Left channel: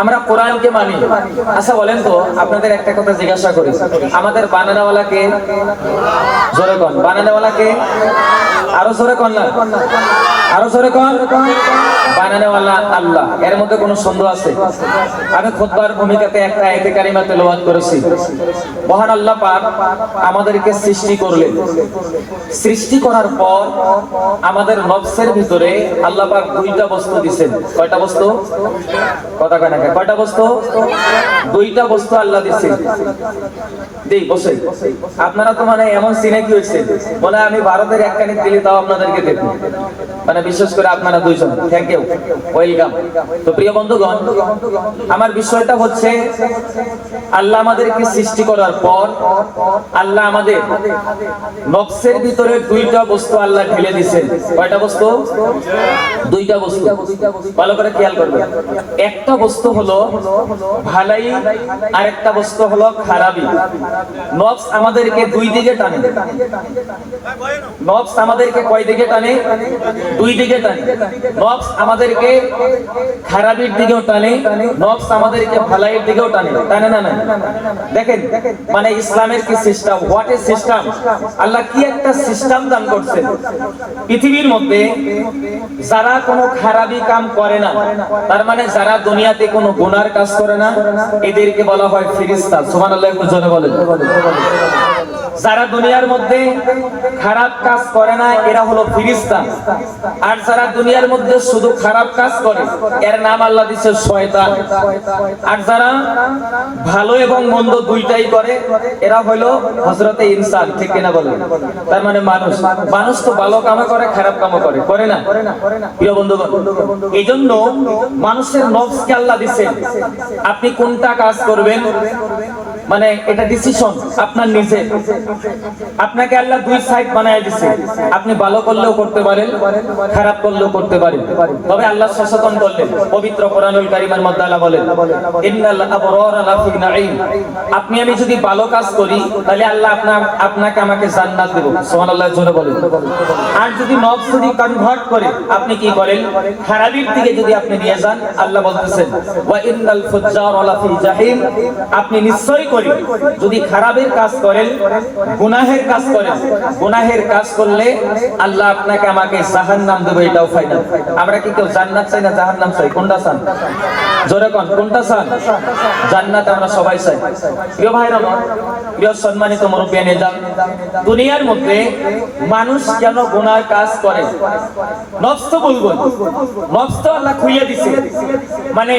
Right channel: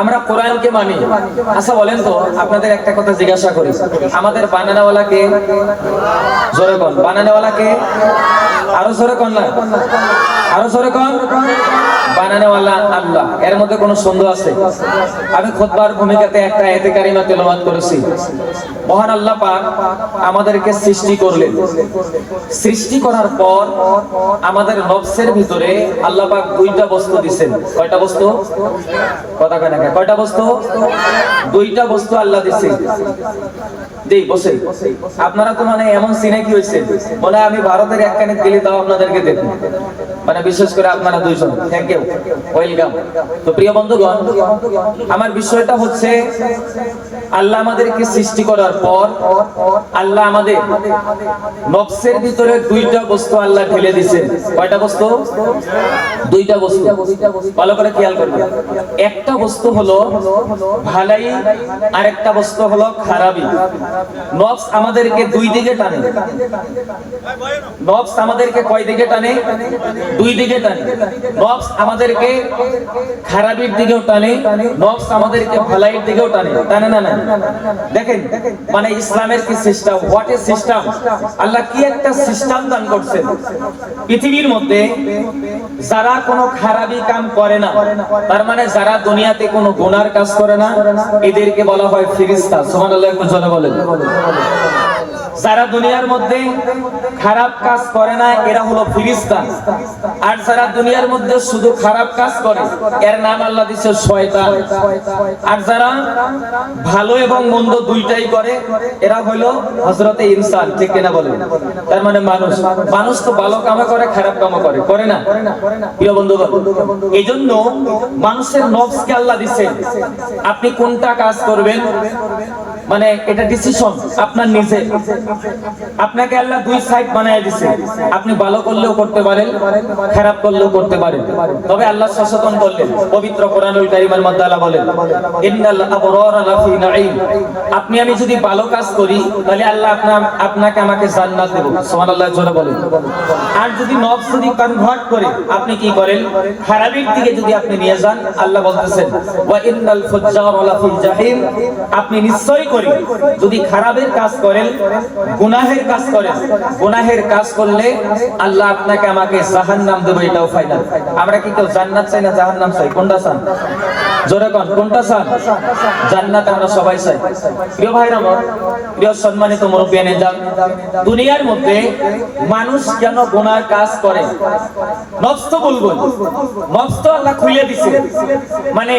আমরা কোরআনকে মানি। আচ্ছা বলেন তো, আপনাদের একটা কথা জিজ্ঞাসা করি, আমাদের বানানোওয়ালাকে? জোরে কোন বানানোওয়ালাকে? আরো জোরে কোন না, আরো জোরে কোন। বানানোওয়ালা আল্লাহ, এর মধ্যে কোনো সন্দেহ আছে? আমি খুতবার ভূমিকাতে একটা আয়াতে কারিমা তেলাওয়াত করেছি। মহান আল্লাহ পাক আমাদেরকে সৃষ্টি করলেন। সৃষ্টি করার পর আমাদের নফসের ভিতরে আল্লাহ পাক দুইটা বস্তু দিবেন। কয়টা বস্তু? কথা কয় না, কয়টা বস্তু? দুইটা বস্তু আল্লাহ দিবেন। দেই বসে, আপনারা তো মানে এমন সিনে কি হয়েছে, বলে আমি ভারতের এক কানে দিলে তাও আপনাদেরকে দেব, মানে বিশেষ করে আপনারা দুইজন। Thank you, welcome. তো প্রিয় বন্ধুগণ, আমার বিষয়টা হচ্ছে আল্লাহ আমাদেরকে সৃষ্টি করার পর আল্লাহ আমাদের নফসের ভিতরে দুইটা বস্তু আল্লাহ ঢেলে দিয়েছেন। কয়টা বস্তু? দুইটা বস্তু। ভালো করে খেয়াল করবেন। একটা বস্তু হলো ভালাই, আর একটা বস্তু হলো খারাপি। নফস আমাদেরকে দুই দিকে টানে। নফস আমাদেরকে কয় দিকে টানে? দুই দিকে টানে। নফস আমাদেরকে খারাপির দিকেও টানে, নফস আমাদেরকে ভালাইয়ের দিকেও টানে। টানে না? দেখেন মানে ইসলামের কি সিস্টেম, হোয়াট এ সিস্টেম। আল্লাহ কি একটা সিস্টেম দান করছেন। পৃথিবীর মধ্যে যারা কোনো খারাপি কাম করে না, তার মানে যারা দুনিয়াতে কোনো গুনার কাজ করে না, এদেরকে বলা হয় ফেরেশতা। সুবহানাল্লাহ, একটু জোরে বলেন। যারা দুনিয়ার মধ্যে খারাপ কাজ করে না, এরা হলো ফেরেশতা। আর যারা দুনিয়ার মধ্যে শুধু খারাপ কাজ করে, এর নাম আল্লাহ দিয়েছে শয়তান। আর যারা ভালো এবং মন্দ দুইটাই করে, এরা হলো হযরতে ইনসান। ঠিক কিনা বলেন? তার মানে মানুষ। মানুষ তো ভালো কামও করে, খারাপ কামও করে, করে না? প্রিয় বন্ধুগণ, এইজন্য মানুষের নফসকে আল্লাহ দিয়েছেন, আপনি কোনটা কাজ করবেন, মানে এটা ডিসিশন আপনার নিজে। আপনাকে আল্লাহ দুই সাইড বানায় দিয়েছে। আপনি ভালো করলেও করতে পারেন, খারাপ করলেও করতে পারেন। তবে আল্লাহ সচেতন করলেন পবিত্র কোরআনুল কারীমের মধ্যে আল্লাহ বলেন, ইন্নাল আবরারা লাফি নাঈম। আপনি আমি যদি ভালো কাজ করি, তাহলে আল্লাহ আপনাকে আমাকে জান্নাত দেব। সুবহানাল্লাহ, জোরে বলেন। আর যদি নফস যদি কনভার্ট করে, আপনি কি করেন, খারাপের দিকে যদি আপনি নিয়ে যান, আল্লাহ বলতেছেন ওয়া ইন্নাল ফুজ্জারা লাফি জাহিম। আপনি নিশ্চয়ই করেন, যদি খারাপের কাজ করেন, গুনাহের কাজ করেন, গুনাহের কাজ করলে আল্লাহ আপনাকে আমাকে জাহান্নাম দেবে, এটাও ফাইনাল। আমরা কি কেউ জান্নাত চাই না জাহান্নাম চাই? কোনটা চান? জোরে কোন, কোনটা চান? জান্নাত আমরা সবাই চাই। প্রিয় ভাইরা আমার, প্রিয় সম্মানিত মুরব্বিয়ানে যান, দুনিয়ার মধ্যে মানুষ কেন গুনার কাজ করে? নফস তো বলবো, নফস তো আল্লাহ খুইয়ে দিছে। মানে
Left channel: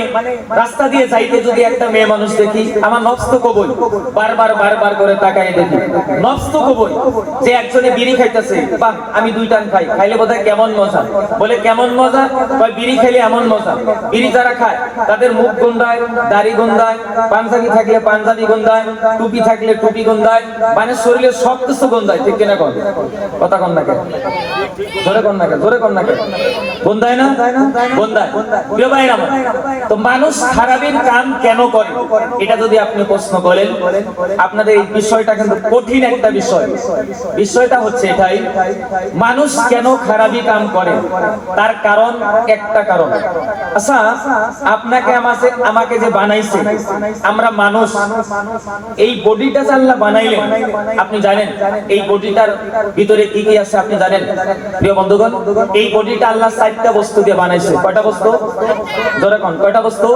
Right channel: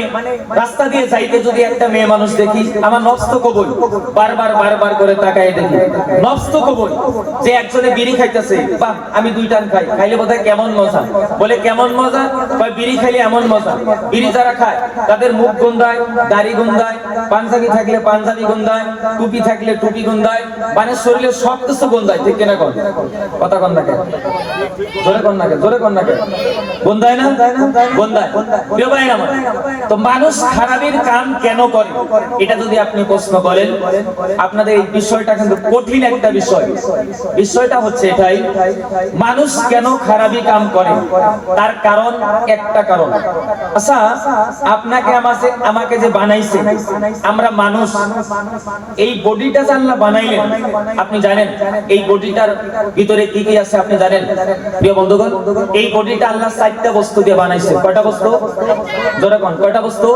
রাস্তা দিয়ে যাইতে যদি একটা মেয়ে মানুষ দেখি, আমার নফস তো কবুল, বারবার বারবার করে তাকায় দেখি। নফস তো কবুল যে একজনে বিড়ি খাইতেছে, বাহ আমি দুই টান খাই, খাইলে বোধহয় কেমন মজা। বলে কেমন মজা? কয় বিড়ি খাইলে এমন মজা। বিড়ি যারা খায় তাদের মুখ গন্ধায়, দাড়ি গন্ধায়, পাঞ্জাবি থাকলে পাঞ্জাবি গন্ধায়, টুপি থাকলে টুপি গন্ধায়, মানে শরীরের সব কিছু গন্ধায়। ঠিক কিনা কন? কথা কন না কেন? জোরে কন না কেন? জোরে কন না কেন? গন্ধায় না? গন্ধায়। প্রিয় ভাইরা আমার, তো মানুষ খারাপের কাম কেন করে, এটা যদি আপনি প্রশ্ন করেন, আপনাদের এই বিষয়টা কিন্তু কঠিন একটা বিষয়। বিষয়টা হচ্ছে এটাই, মানুষ কেন খারাপি কাম করে, তার কারণ একটা কারণ। আচ্ছা, আপনাকে আমাকে যে বানাইছে, আমরা মানুষ, এই বডিটা যে আল্লাহ বানাইলেন, আপনি জানেন এই বডিটার ভিতরে কি কি আছে? আপনি জানেন? প্রিয় বন্ধুগণ, এই বডিটা আল্লাহ 4টা বস্তু দিয়ে বানাইছে। কয়টা বস্তু? জোরে কোন, কয়টা বস্তু?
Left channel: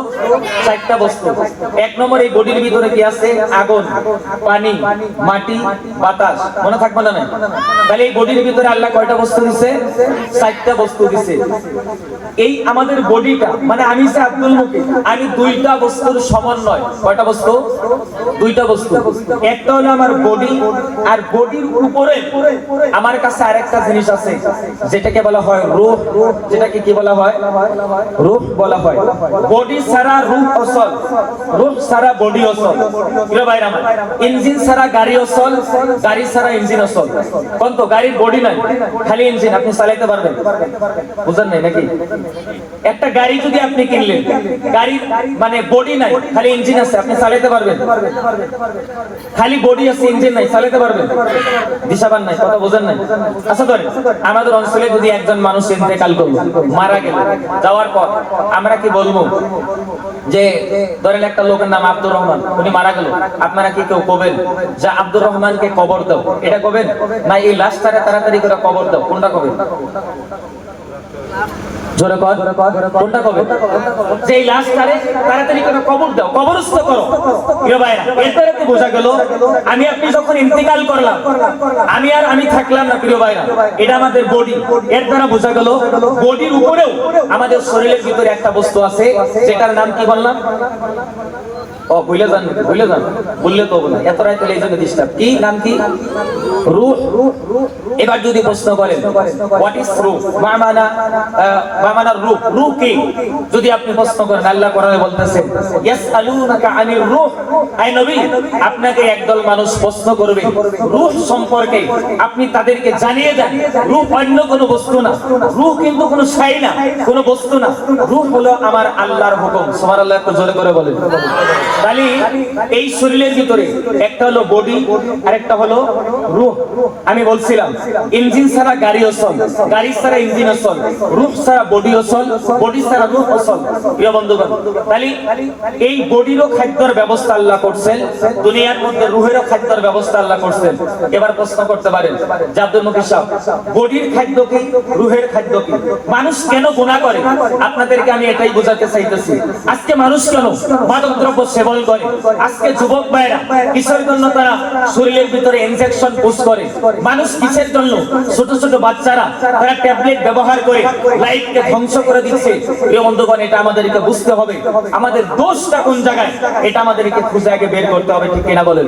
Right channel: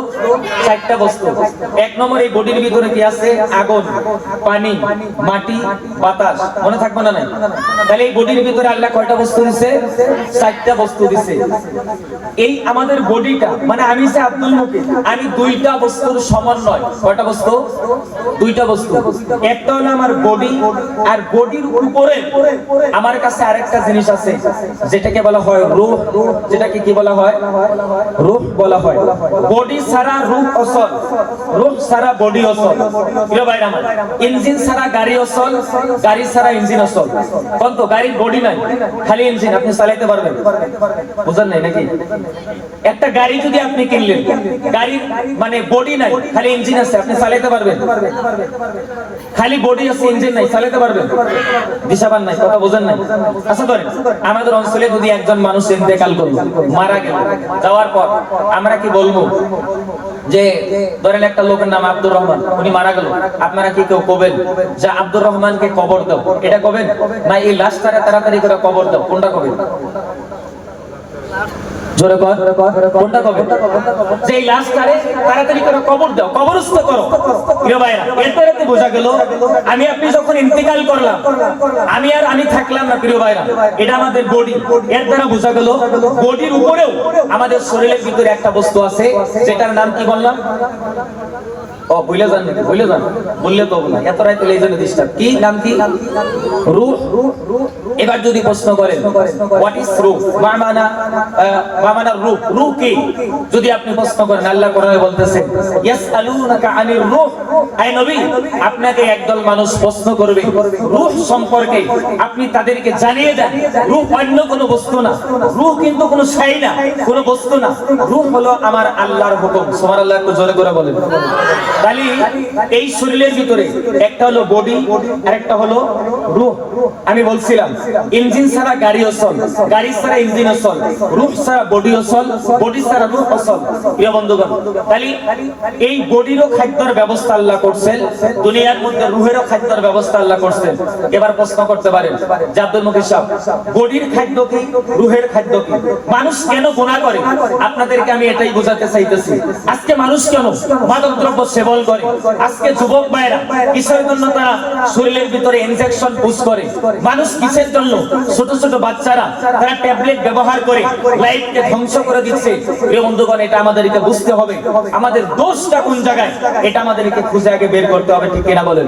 4টা বস্তু। এক নম্বর, এই বডির ভিতরে কি আছে? আগুন, পানি, মাটি, বাতাস। মনে থাকবে না? নাই? তাহলে এই বডির ভিতরে আল্লাহ কয়টা বস্তু দিছে? 4টা বস্তু দিছে। এই আমাদের বডিটা, মানে আমি যে আব্দুল মুকিত, আমি দুইটা বস্তুর সমন্বয়। কয়টা বস্তু? দুইটা বস্তু। একটা হলো আমার বডি, আর বডির উপরে আমার কাছে আরেকটা জিনিস আছে, যেটাকে বলা হয় রূহ। যেটাকে কি বলা হয়? রূহ বলা হয়। বডি ছাড়া রূহ অচল, রূহ ছাড়া বডি অচল। প্রিয় ভাইরা আমার, ইঞ্জিন ছাড়া গাড়ি অচল, গাড়ি ছাড়া ইঞ্জিন অচল। কোন তো গাড়ির বডি নাই, খালি ইঞ্জিন, আপনি চালাইতে পারবেন? বুঝেন নাই নাকি? একটা গাড়ি যদি আপনি কিনলেন, গাড়ির মানে বডি নাই, খালি ইঞ্জিন আছে, আপনি চালাইতে পারবেন? খালি বডি আছে, ইঞ্জিন নাই, চালাতে পারবেন? দিশাবান নাই, কথা বোঝেন নাই? আচ্ছা ধরেন আমাদের অঞ্চলে যদি একজন মানুষ ইন্তেকাল করলো, মারা গেল, যাওয়ার পর আমরা কি বলবো? যে ধরেন একটা লোকের নাম আব্দুর রহমান, উনি মারা গেল, আপনারা কি কেউ কবেন যে আব্দুর রহমানকে কবর দাও, এটা কবেন? না এই লাশটারে তাড়াতাড়ি করে কবর দাও, কোনটা কবেন? জোরে কর, কোনটা কবেন? যে এই লাশটারে তাড়াতাড়ি করে কবর দাও, কবরস্থ করো। প্রিয় ভাইরা, এরপরে তো বোঝা গেল আমি আপনি যখন ইন্তেকাল করলাম, আমি থাকলাম না। প্রিয় ভাইরা, এটা আমাদের বডি। এর দ্বারা বোঝা গেল বডির উপরেও আমাদের শরীরের ভিতরে একটা বস্তু আছে, যেটার নাম কি বললাম? ভুলে যান, বললে তো না, এত রায় এই জন্য ডিস্টার্ব। কি নাম? কি? রূহ। এবার যদি প্রশ্ন করেন হোয়াট ইজ রূহ, রূহ, রূহ কি? যদি আপনি প্রশ্ন করেন, আল্লাহ কোরআনে বলতেছেন ইয়াসআলুনাকা আনির রূহ, আয় নবী আপনাকে একদল মানুষ প্রশ্ন করবে রূহ সম্পর্কে, আপনি তাদেরকে জানিয়ে দেন রূহ অন্য কোনো বস্তু না, রূহ কিন্তু কোনো শাই না, কোনো বস্তু না। রূহ হলো আমার আল্লাহর হুকুম। সুবহানাল্লাহ, একটু জোরে করে বলেন। তাহলে এই শরীরের ভিতরে একটা হলো বডি আর একটা হলো রূহ। আমি বলছিলাম ইঞ্জিন ছাড়া গাড়ি অচল, গাড়ি ছাড়া ইঞ্জিন অচল, রূহ ছাড়া বডি অচল, বডি ছাড়া রূহ অচল। প্রিয় বন্ধুগণ, তাহলে এই বডিরও খাদ্যের ব্যবস্থা আল্লাহ করছেন, দুনিয়ার মধ্যে রূহেরও খাদ্যের ব্যবস্থা আল্লাহ করছেন। এবার প্রশ্ন করতে পারেন যে আব্দুল মুকিত সাহেব, বডির খাদ্য কি, রূহের খাদ্য কি? মানুষ কেন গুনাহ করে? আপনাদেরকে আমি এটাই বোঝাতে চাইতেছি। আজকে মানুষ কেন মাদকদ্রব্য সেবন করে? আজকে যুবক ভাইরা কিসের জন্য তারা শরীরের ভিতরে ইনজেকশন পুশ করে? মানুষ কিসের জন্য? ছোট ছোট বাচ্চারা তারা ট্যাবলেট ব্যবহার করে লাইফকে ধ্বংস করে দিচ্ছে। প্রিয় বন্ধুগণ, এটা আমাদেরকে বুঝতে হবে, আমাদের দোষটা কোন জায়গায়, এটা আমাদেরকে খুঁজে আগে বের করতে হবে। ঠিক কিনা বলেন?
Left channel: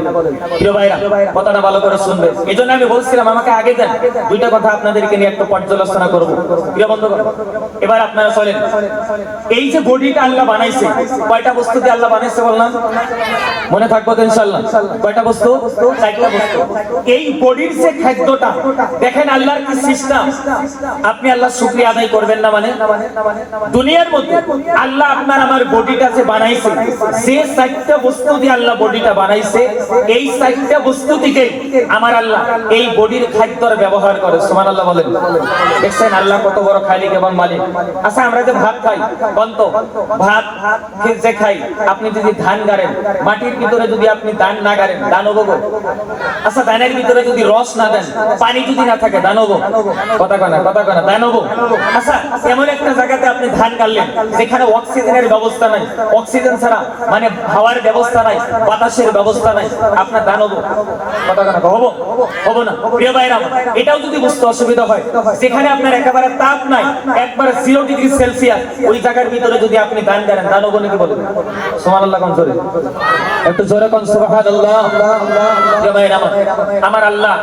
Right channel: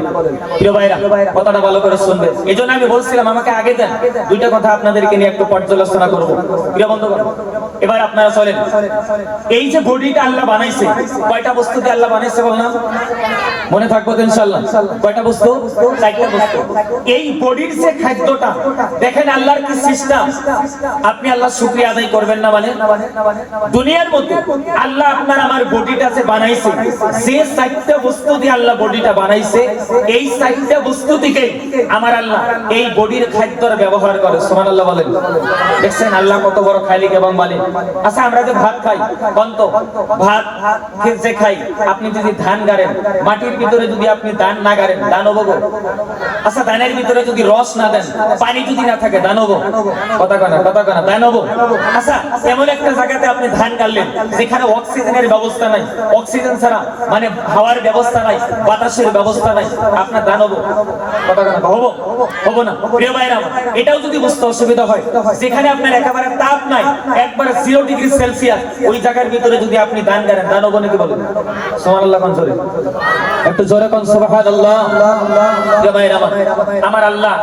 প্রিয় ভাইরা, কথাটা ভালো করে শুনবেন। এই জন্য আমি বলছিলাম আমাকে আগে দেন, দুইটা কথা আপনাদেরকে নিয়ে একটু পর্যালোচনা করব। প্রিয় বন্ধুগণ, এবার আপনারা চলেন, এই যে বডিটা আল্লাহ বানাইছে, কয়টা বস্তু দিয়ে আল্লাহ বানাইছে বললাম? মনে থাকবো তো ইনশাআল্লাহ? কয়টা বস্তু? 4টা বস্তু। এই বডির যে খাদ্যটা দেখেন আল্লাহর কি সিস্টেম, আপনি আল্লাহ শুকরিয়া আদায় করবেন না? মানে দুনিয়ার মধ্যে আল্লাহ আপনার আমার বডিটা যে বানাইছে, যে 4টা বস্তু দিয়ে আল্লাহ বডিটা বানাইছে, এই 4টা বস্তু থেকে আমার আল্লাহ এই বডির খাদ্যর ব্যবহার করে। সুবহানাল্লাহ বলেন। দেখছেন আল্লাহ কত বড় খালিক এবং মালিক। আচ্ছা, আমরা যে ভাত খাই, বন্ত ভাত যে খাই, আপনি যদি ধান গাড়েন, মাটির ভিতরে যদি আপনি ধান না গাড়েন, ধান হবো? আচ্ছা, ধানের ভিতরে যদি রস না দেন, পানি যদি না থাকে, ধান হবো? কথা কনা ধান হবো? আচ্ছা, এমন একটা জায়গাতে আপনি ধান গাড়লেন যেখানে অক্সিজেনের ব্যবস্থা নাই, অক্সিজেন ছাড়া মানে হাওয়ার ব্যবস্থা নাই, বাতাসের ব্যবস্থা নাই, আপনার ধান হবো? কথা কনা হবো না? প্রিয় ভাইরা, এটাও যদি বুঝতে অসুবিধা হয়, যেখানে আপনার একেবারে তাপ নাই, একবারে 0 ডিগ্রি সেলসিয়াস, ওই জায়গার ভিতরে যদি আপনি ধান গাড়েন, ধান হবো নাকি বলেন? সুবহানাল্লাহ কোন জোরে, একটু জোরে কোন সুবহানাল্লাহ। আমার আল্লাহ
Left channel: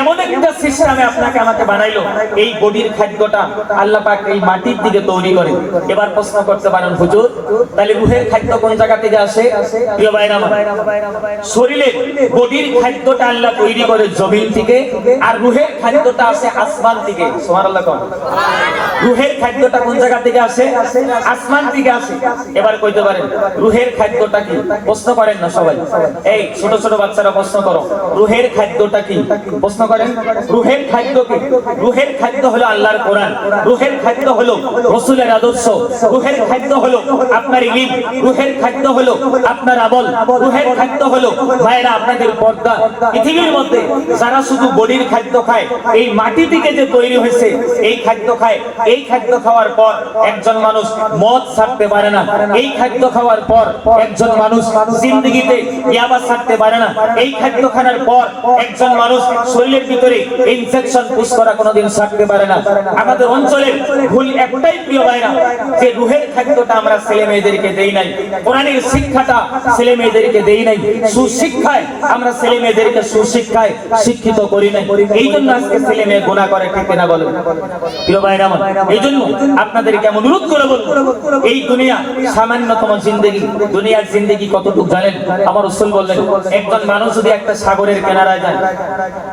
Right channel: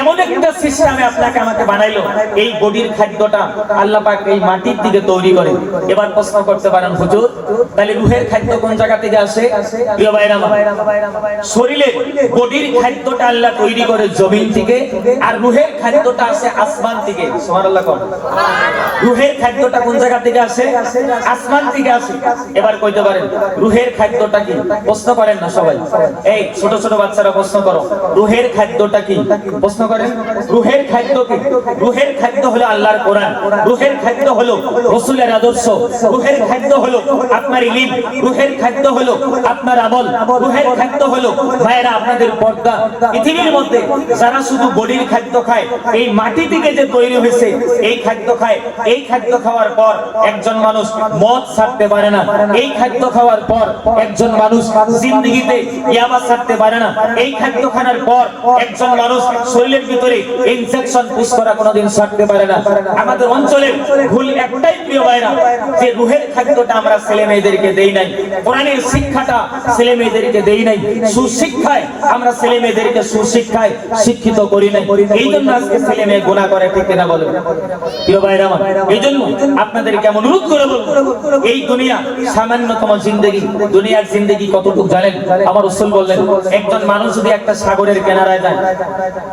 এমন একটা সিস্টেমে আপনাকে আমাকে বানাইলো, এই বডির খাদ্যটা আল্লাহ পাক এই মাটির দিকে তৈরি করে। এবার প্রশ্ন করতে পারেন হুজুর, তাহলে রূহের খাদ্য কোন জায়গা থেকে আসে? প্রিয় ভাইরা, শরীরের বডির খাদ্যটা আল্লাহ তৈরি করে জমিন থেকে, আর রূহের খাদ্যটা আসে আসমান থেকে। সুবহানাল্লাহ কোন? রূহের খাদ্যটা কোন জায়গা থেকে আসে? আসমান থেকে আসে। এবার কইতে পারেন রূহের খাদ্যটা কি? প্রশ্ন করেন না সবাই, এই ছোট ছোট বাচ্চারা প্রশ্ন করো, রূহের খাদ্যটা কি? প্রশ্ন করেন রূহের খাদ্য কি? রূহের খাদ্য হলো আল্লাহর কোরআন, রূহের খাদ্য হলো রাসূলের আদর্শ, রূহের খাদ্য হলো আপনার ইলম, রূহের খাদ্য হলো আপনার আমল, রূহের খাদ্য হলো ভাইরা আপনাদের পর্দা। পৃথিবীর মধ্যে যারা শুধু বডির খাদ্য খায়, এই মাটি থেকে যে তৈরি হয়েছে এই খাদ্য খায়, এই খাদ্য খাওয়ার পর একজন মানুষ মদ ছাড়তে পারে না, এই খাদ্য খাওয়ার পর একজন মানুষ জিন্দেগিতে ইয়াবা ছাড়তে পারে না, এই খাদ্য খাওয়ার পর একজন মানুষ শরীরের ভিতরে ইনজেকশন পুশ করা কোনোদিন ছাড়তে পারে না। আমাদের অঞ্চলে ভুল একটাই প্রিয় ভাইরা, যে রূহের খাদ্যটা আমরা ছেলে মেয়েদেরকে দেই নাই, কোরআনের শিক্ষাটা ছেলে মেয়েদেরকে দেই নাই, সুশিক্ষায় আমরা ছেলে মেয়েদেরকে সুশিক্ষায় শিক্ষিত করি নাই। এই জন্য আজকে ছেলে মেয়ে গুনাহ করে, ঠিক না বলেন? প্রিয় ভাইরা, এই জন্য আপনাদেরকে আমি অনুরোধ করে বলবো, এই দুনিয়া সামান্যতম জিন্দেগি, দুনিয়ার জিন্দেগি কতটুকু জানেন? আমার রাসূল বললেন, একজন মানুষ যদি একটা সাগরের কিনারায় যায়,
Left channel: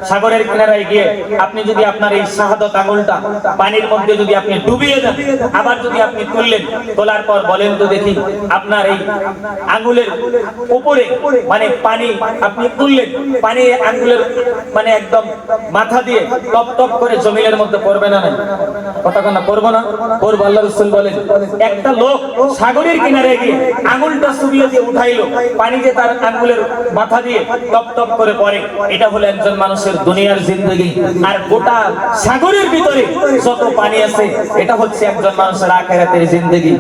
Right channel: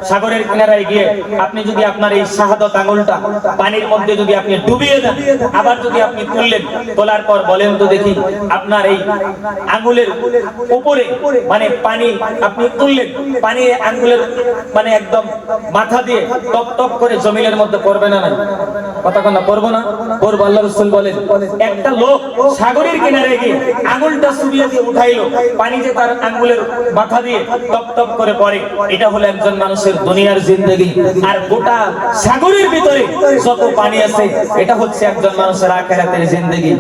সাগরের কিনারায় গিয়ে আপনি যদি আপনার এই শাহাদাত আঙ্গুলটা পানির মধ্যে যদি আপনি ডুবিয়ে দেন, আবার যদি আপনি তুললেন, তোলার পর বলেন তো দেখি আপনার এই আঙ্গুলের উপরে মানে পানি আপনি তুললেন, পানি আঙ্গুলের মানে একদম মাথা দিয়ে টপ টপ করে জমিনের মধ্যে পড়বে না? নাই? কথা কন না, করবো না? করবো। আল্লাহ রাসূল বলেন একটা লোক সাগরের কিনারে গিয়ে আঙুলটা সুবিয়ে দিয়ে উঠাইলো, পানি যে তার আঙ্গুলের মাথা দিয়ে টপ টপ করে পড়ে, এটা হলো একজন মানুষের দুনিয়ার জিন্দেগি। আর গোটা সাগরের ভিতরে যত পানি আছে এটা হচ্ছে একজন মানুষের আখিরাতের জিন্দেগি।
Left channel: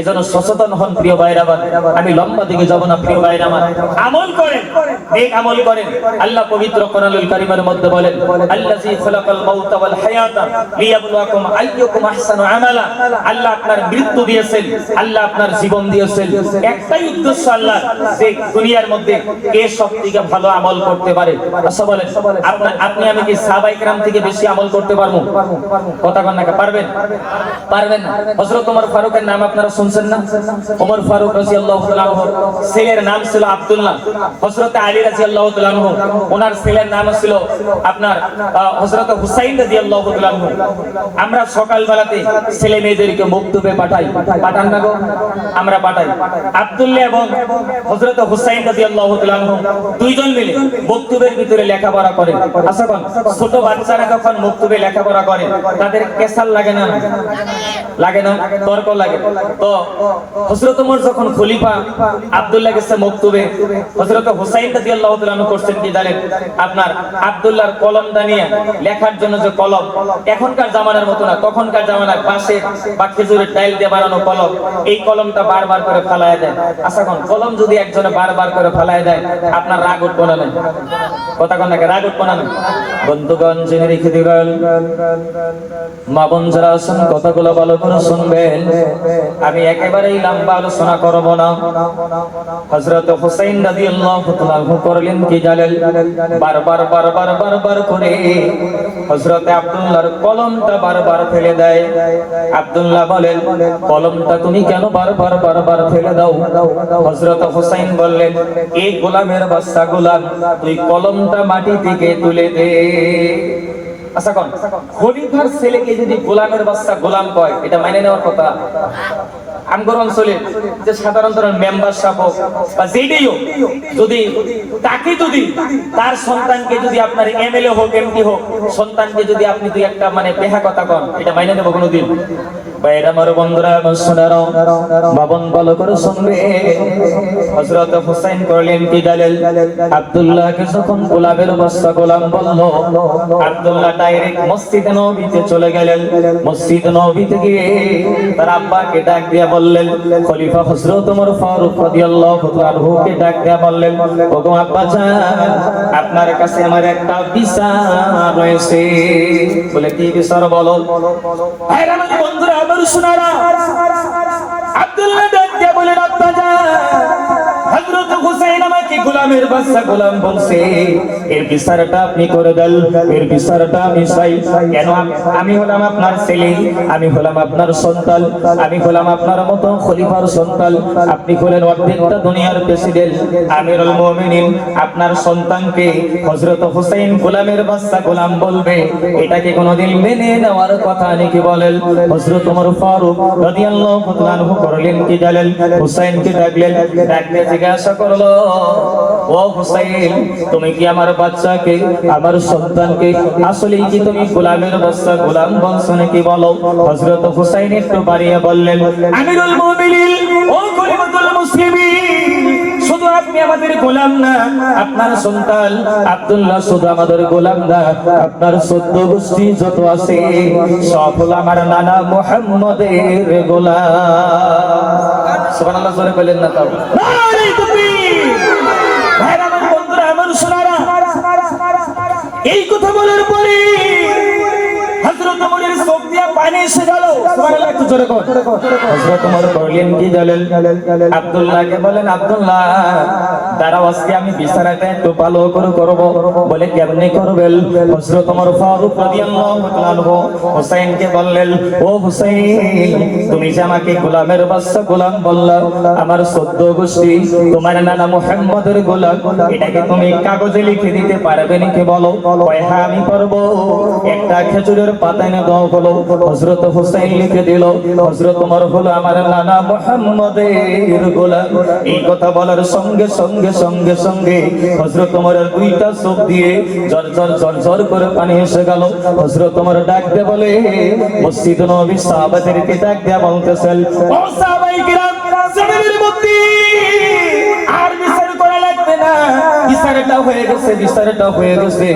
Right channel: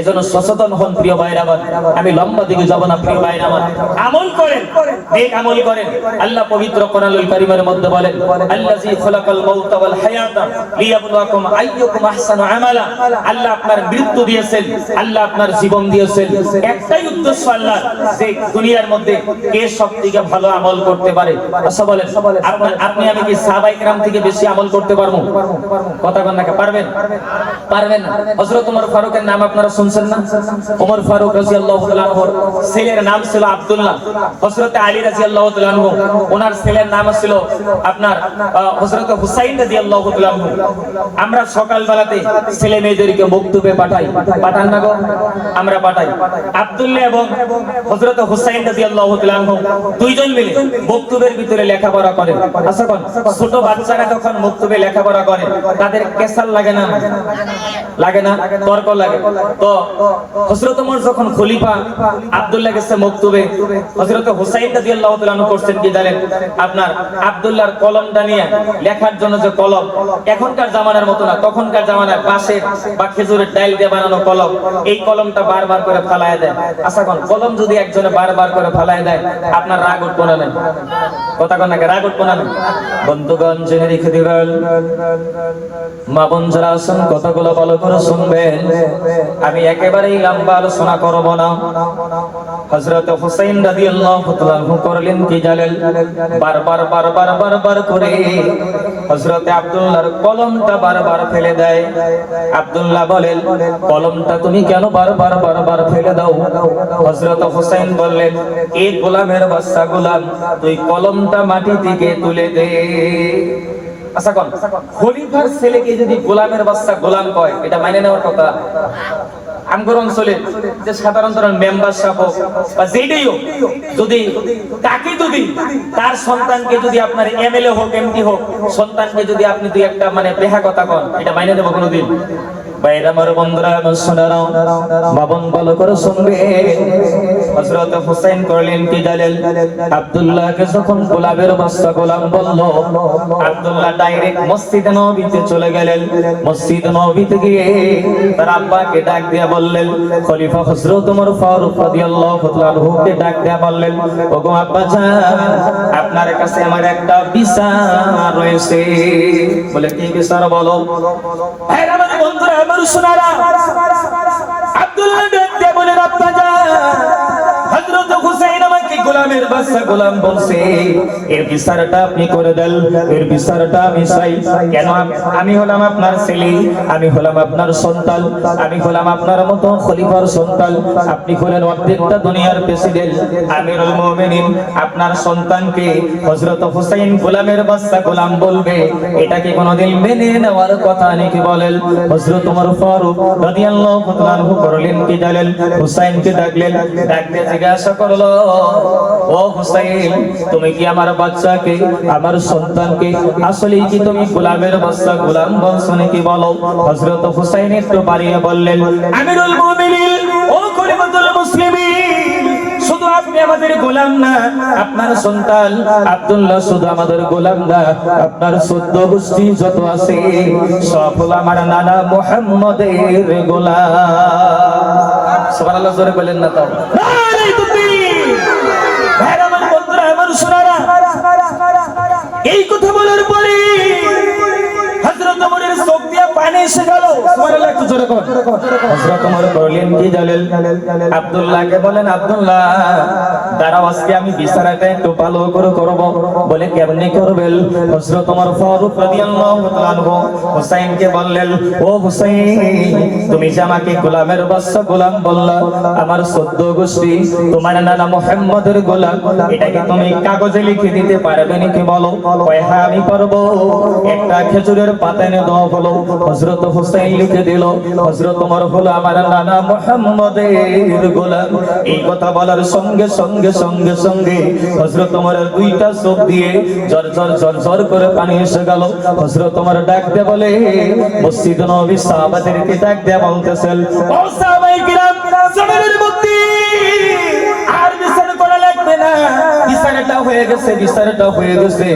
এজন্য সচেতন হন প্রিয় ভাইরা আমার। আমি লম্বা দিকে যাব না প্রিয় ভাইরা আমার। আমল করেন, নেক আমল করেন। আল্লাহ পবিত্র কোরআনুল কারীমের মধ্যে বলেন আল্লাযী খালাকাল মাউতা ওয়াল হায়াতা লিয়াবলুয়াকুম আইয়ুকুম আহসানু আমালা। আল্লাহ আপনার মৃত্যু দিয়েছেন, আল্লাহ আপনার জীবন দিয়েছেন, একটাই উদ্দেশ্য আল্লাহ, যে দুনিয়ার মধ্যে কে সবথেকে ভালো আমল করতে পারে। আচ্ছা বলেন, আপনি আমি কি সাহাবায়ে কেরাম থেকে বেশি আমল করতে পারবো? কথা কন না, পারবেন? পারবেন না। হযরত ওমর ফারুকের নাম আপনারা শুনছেন না? ওমর ফারুক রাদিয়াল্লাহু তাআলা আনহু ছেলের নাম ছিল আব্দুল্লাহ। হযরত আলী রাদিয়াল্লাহু তাআলা আনহু ওনার ছেলের নাম ছিল আপনার হযরত হুসাইন রাদিয়াল্লাহু তাআলা আনহু। আমরা সকাল বেলাতে ছেলে মেয়েদেরকে মক্তবে পাঠাই, পাঠান না গো? আমরা পাঠাই। আব্দুল্লাহ এবং হযরত হুসাইন রাদিয়াল্লাহু তাআলা আনহু দুইজন মিলে মক্তবের ভিতরে লেখাপড়া করেন। আচ্ছা কোন ছোট বাচ্চারা যখন মক্তবে লেখাপড়া করে তাদের কেসাল লাগে না? লাগে না? তর্ক লাগে। তো হযরত ওমর যখন খলিফা, আব্দুল্লাহ গেছে মক্তবে, হযরত হুসাইন রাদিয়াল্লাহু তাআলা আনহু করছেন কি জানেন? আপনার আব্দুল্লাহর কলমটা নিয়ে লেখার জন্য যে কলম, এখনকার জামানার মতো না, তখনকার জামানায় বাঁশে বা খেজুরের ডাল দিয়ে বানানো কলম, এই কলমটা বারবার করে ফালায়া দেয়। আচ্ছা কোন কলম যদি একজনে বারবার করে ফালায়া দেয় আপনার রাগ উঠবো না? কথা কন না, রাগ উঠবো না? বন্ধুগণ জেনে রেখে দিবেন, মা বোন যারা আছেন কথাগুলো ভালো করে শুনবেন। আমি একেবারেই লম্বা আলোচনা করব না। হযরত হুসাইন রাদিয়াল্লাহু তাআলা আনহু করলেন কি জানেন? বারবার করে হযরত আব্দুল্লাহর কলমটা বারবার ফেলে দেয়। আব্দুল্লাহ বলেন কলমটা তুমি কেন বারবার ফেলে দাও? হযরত হুসাইন বললেন এই গোলামের বাচ্চা গোলাম, তুই কলমটা মাটি থেকে তুলে দে। আচ্ছা কোন খলিফার ছেলেকে যদি গোলামের বাচ্চা গোলাম কয়, এটা মেনে নেওয়ার কথা? আমগর অঞ্চলে যে সাধারণত মেম্বার সাহেব বা যেটাই হোক, যদি তাকে যদি তার সন্তানকে যদি আপনার এমএলএ হোক এমপি হোক সন্তানকে যদি আপনি দুই একটা মানে বেহা কথা কন, এটা মাইনে নেব কোনোদিন? বাইরে আমার বন্ধুরা আমার শোনারও বাবন ভালো করে শুনবে। হযরত হুসাইন করলেন কি জানেন? আব্দুল্লাহকে যখন গোলামের বাচ্চা গোলাম বলল, আব্দুল্লাহ ডাইরেক্ট মসজিদ নববীতে চলে গেলেন। মসজিদ নববীতে গিয়ে তার আব্বাকে ডাক দিয়ে বললেন, খলিফা হযরত ওমর ফারুক রাদিয়াল্লাহু তাআলা আনহুকে ডাক দিয়ে বললেন, ওগো আব্বা জান, আপনার কাছে আমার একটা বিচার রয়েছে। বলে কি বিচার বলো? ভাইরা আমার বন্ধুরা আমার শোনারা, আব্দুল্লাহ ডাক দিয়ে বলে আব্বা জান, হযরত হুসাইন আমাকে গোলামের বাচ্চা গোলাম বলছে, এর বিচারটা আপনি করে দেন, এর বিচারটা আমি চাই। কেন? আমি হলাম আপনার ছেলে, আমি হলাম আপনার সন্তান, আমি হলাম আপনার মতো খলিফার সন্তান, আপনি হলেন অর্ধেকটা দুনিয়ার প্রেসিডেন্ট, আমিরুল মুমিনিন। আপনার সন্তানকে হযরত হুসাইন গোলামের বাচ্চা গোলাম বলবে, এটা কি কোনোদিন মেনে নেওয়ার কথা নাকি বলেন? হযরত ওমর ফারুক রাদিয়াল্লাহু তাআলা আনহু করলেন কি জানেন? হুসাইনকে ডাকলেন, ডাকতে জিজ্ঞাসা করলো, ও হুসাইন, তুমি কি আমার বাচ্চাকে, আমার সন্তানকে আসলেই কি তুমি গোলামের বাচ্চা গোলাম বলছো নাকি বলো? হযরত হুসাইন একটু বাড়িয়ে বললেন, আমিরুল মুমিনিন, ও খলিফাতুল মুসলিমিন, শুধু আপনি আমাদের গোলাম না, আপনার সন্তান আব্দুল্লাহ শুধু আমাদের গোলাম না, আপনার 14 গোষ্ঠী যত আছে সব হলো আমার নানা মুহাম্মদের গোলাম। সুবহানাল্লাহ জোরে বলেন না তাও? নারে তাকবীর! ভাইরা আমার বন্ধুরা আমার শোনারা, এই কথা বলার পরে হযরত ওমরের চোখ দিয়ে পানি এসে গেল। সুবহানাল্লাহ একটু জোরে কর। হযরত ওমর করলেন কি জানেন? আব্দুল্লাহকে বলেন, আব্দুল্লাহ দাঁড়াও, আজকে আমি বিচারটা একটু ভালো করে করব। বলে কেমনে করবেন? হযরত ওমর ফারুক রাদিয়াল্লাহু তাআলা আনহু হুসাইনকে বললেন, ও হুসাইন, তুমি যে আমাকে গোলামের বাচ্চা গোলাম বললা, আমার 14 গোষ্ঠী তোমার নানা মুহাম্মদের গোলাম, এটাকে তুমি কাগজে লিখে দিতে পারবে নাকি বলো? কয় হ্যাঁ আমি পারবো। একটা খেজুরের পাতা এনে দাও হলো। হযরত হুসাইন লিখে দিল হযরত ওমর হলো আমার নানা মুহাম্মদের গোলাম। এই কথা বলার সঙ্গে সঙ্গে সঙ্গে সঙ্গে হযরত ওমরের দুইটা চোখ দিয়ে ঝরঝর করে পানি এসে গেল। হযরত ওমর ডাক দিয়ে বলে, মসজিদ নববীর সাহাবাদেরকে ডাক দিয়ে বলতেছেন, ও সাহাবায়ে কিরাম, জমিনের মধ্যে আর বিচার করা লাগবে না, বিচারটা হয়ে গেছে, বিচারটা হয়ে গেছে।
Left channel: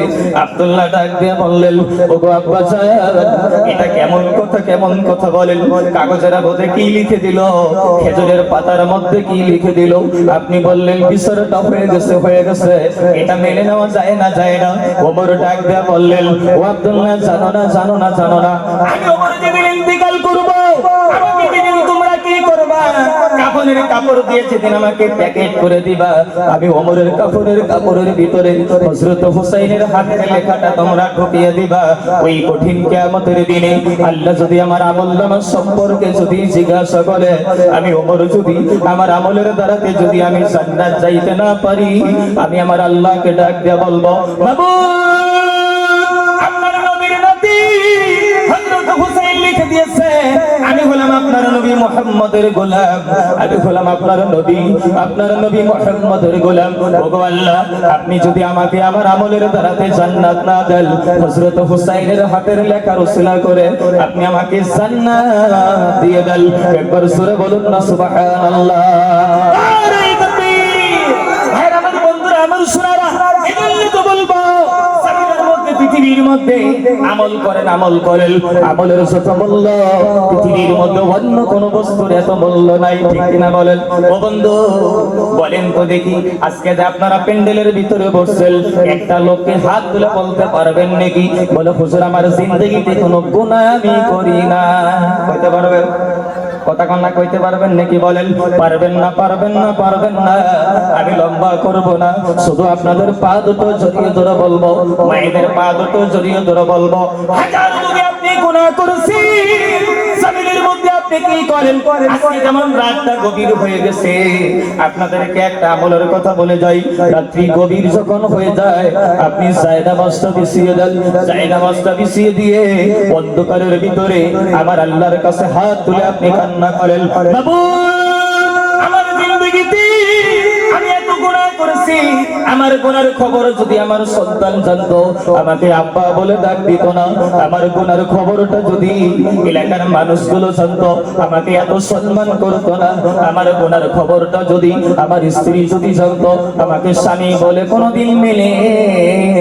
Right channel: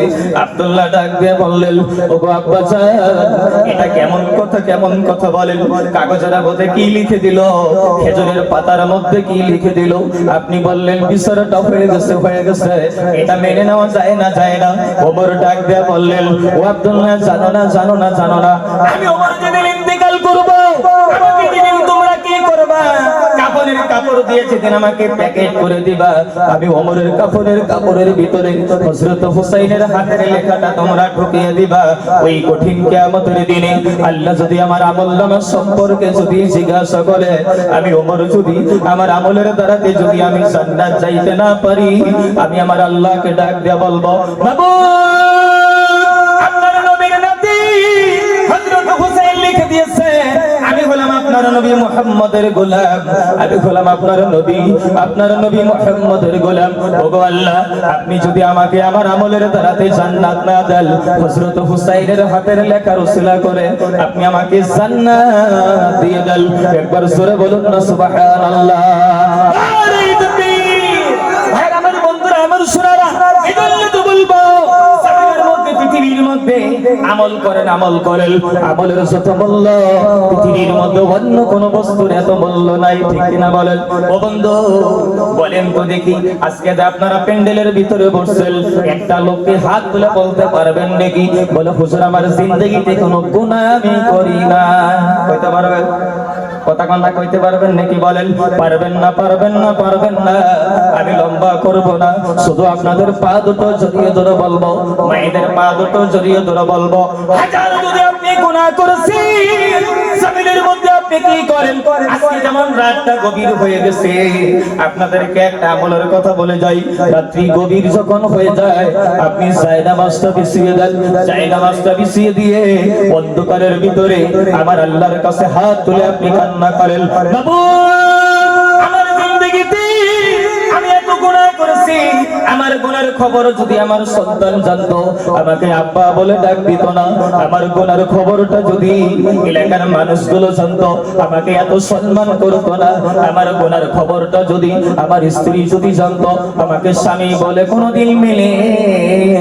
আব্দুল্লাহ ডাক দিয়ে বললেন, ওগো আব্বাজান, এটা কেমন কথা, কেমন কথা বলেন? কাগজের মধ্যে কি লিখে দিল, খেজুরের পাতার মধ্যে কি লিখে দিল? আপনি বললেন বিচারটা হয়ে গেছে, হয়ে গেছে, এটা মেনে নেওয়া যায় না, যায় না। ওমর ডাক দিয়ে বললেন, ও আব্দুল্লাহ, জানো না, জানো না, জানো না, আমি ওমর যেদিন ইন্তেকাল করব, আমাকে যেদিন তোমরা কি করবা, কাফনের কাপড় দিয়ে যেদিন আমাকে প্যাকেট করে দিবা, আমি ওমরের কাপড়ের ভিতরে হযরত হুসাইনের হাতের লেখাটা তোমরা ঢুকিয়ে দিবা। ওই কঠিন কিয়ামতের দিনে আল্লাহ যদি আমার আমলনামা সম্পর্কে যদি জিজ্ঞাসা করে, আমি ওমর যদি আমার আমলের দ্বারাতে যদি আমি জান্নাত যাইতে না পারি, আমি আমার আল্লাহকে ডাক দিয়ে বলবো, মাবুদ, আপনার নবীর নাতি হযরত হুসাইন লিখে দিয়েছে, আমি হলাম আপনার নবী মুহাম্মদের গোলাম, আমি হলাম আপনার নবী মুহাম্মদের গোলাম। ওগো আল্লাহ, আপনি যদি আমাকে আমার আমলের দ্বারাতে জান্নাত না দেন, হযরত হুসাইনের হাতের লেখার উসিলা করে আপনি আমাকে জান্নাত দিয়ে দেন। একবার জোরে বলুন না সুবহানাল্লাহ। আরে তাকবীর! ভাই আমার বন্ধুরা, আমার শোনারা, এজন্য তো বলবো, পৃথিবীর মধ্যে আমল করেন, আমল করেন, আমলের যত মূল্য পৃথিবীর মধ্যে অন্য কোন বস্তুর এত মূল্য নাই, ঠিক কিনা বলেন? ও বন্ধু, বলেন তো দেখি, আজকে যে আপনারা প্যান্ডেলের ভিতরে বসছেন, একটা লোককে হাত তুলে বলতে পারবেন নাকি, বলে হুজুর আমার জিন্দেগিতে কোনো গুনাহ আমি করি না? কইতে পারবেন? কথা কন্যা কইতে পারবেন নাকি? বলেন, পারবেন না, পারবেন না, পারবেন না। আমি লম্বা করব না, শুধু আপনাদের পা দুটো জড়িয়ে ধরে বলবো, মায়েদের পা দুটো জড়িয়ে ধরে বলবো, হাজার যদি আপনি গুনাহ করেছেন, জমিনের মধ্যে আপনি কি করেন? আজকে যেমন রাতটা গভীর হয়ে গেছে, আপনাদেরকে একটা আমলের কথা বলে যাই, রাত্রি গভীর যখন হয়ে যায়, আপনি জায়নামাজটা বিছিয়ে দেন, জায়নামাজটা বিছিয়ে দিয়ে অন্ধকারের ভিতরে আমার আল্লাহর কাছে হাত তুলে আপনি কান্না করেন, মাবুদ, আমার জিন্দেগিতে আমি এত গুনাহ করেছি, আমার গুনার খবর যদি আমার সন্তান জানতো, আমাকে আব্বা বলে ডাক দিত না, আমার গুনার খবরটা যদি এলাকার মানুষগুলো জানতো, আমাকে এত সম্মান করতো না, আমার গুনার খবরটা যদি আমার স্ত্রী যদি জানতো, আমাকে স্বামী বলে কোনোদিন মেনে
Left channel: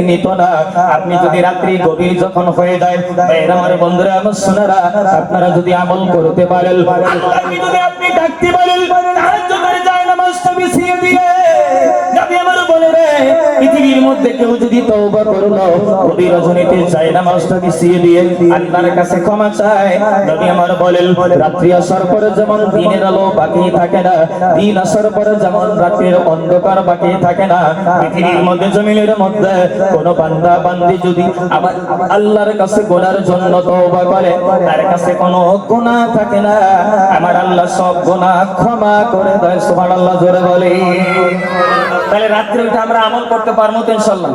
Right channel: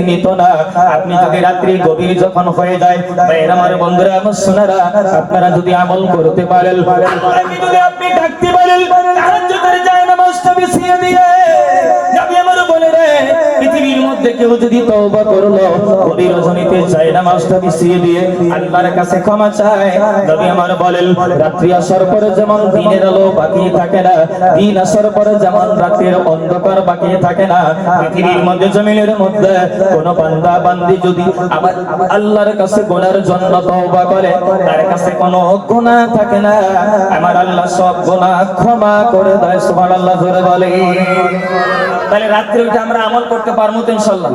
নিত না। আপনি যদি রাত্রি গভীর যখন হয়ে যায়, আমার বন্ধুরা, আমার সোনারা, আপনারা যদি আমল করতে পারেন, আল্লাহকে যদি আপনি ডাকতে পারেন, তাহাজ্জুদের জায়নামাজটা বিছিয়ে দিয়ে, নবী আমার বলে রে, পৃথিবীর মধ্যে কেউ যদি তওবা করলো, গভীর রজনীতে জায়নামাজটা বিছিয়ে দিয়ে আল্লাহর কাছে ক্ষমা চায়, নবী আমার বলেন, রাত্রি আসার পরে যেমন দিনের আলো বাকি থাকে না, দিন আসার পরে যেমন রাতের অন্ধকার বাকি থাকে না, পৃথিবীর মধ্যে জমিনের মধ্যে কোন বান্দা বান্দি যদি আমার আল্লাহর কাছে গুনার জন্য তওবা করে, তার কাছে কোনো গুনাহ থাকে না, আমার আল্লাহ সব গুনাহ ক্ষমা করে দেয়। সুবহানাল্লাহ, জোরে বলে। তাহলে রাত্রে উঠে আমরা আমল করতে পারবো তো ইনশাআল্লাহ?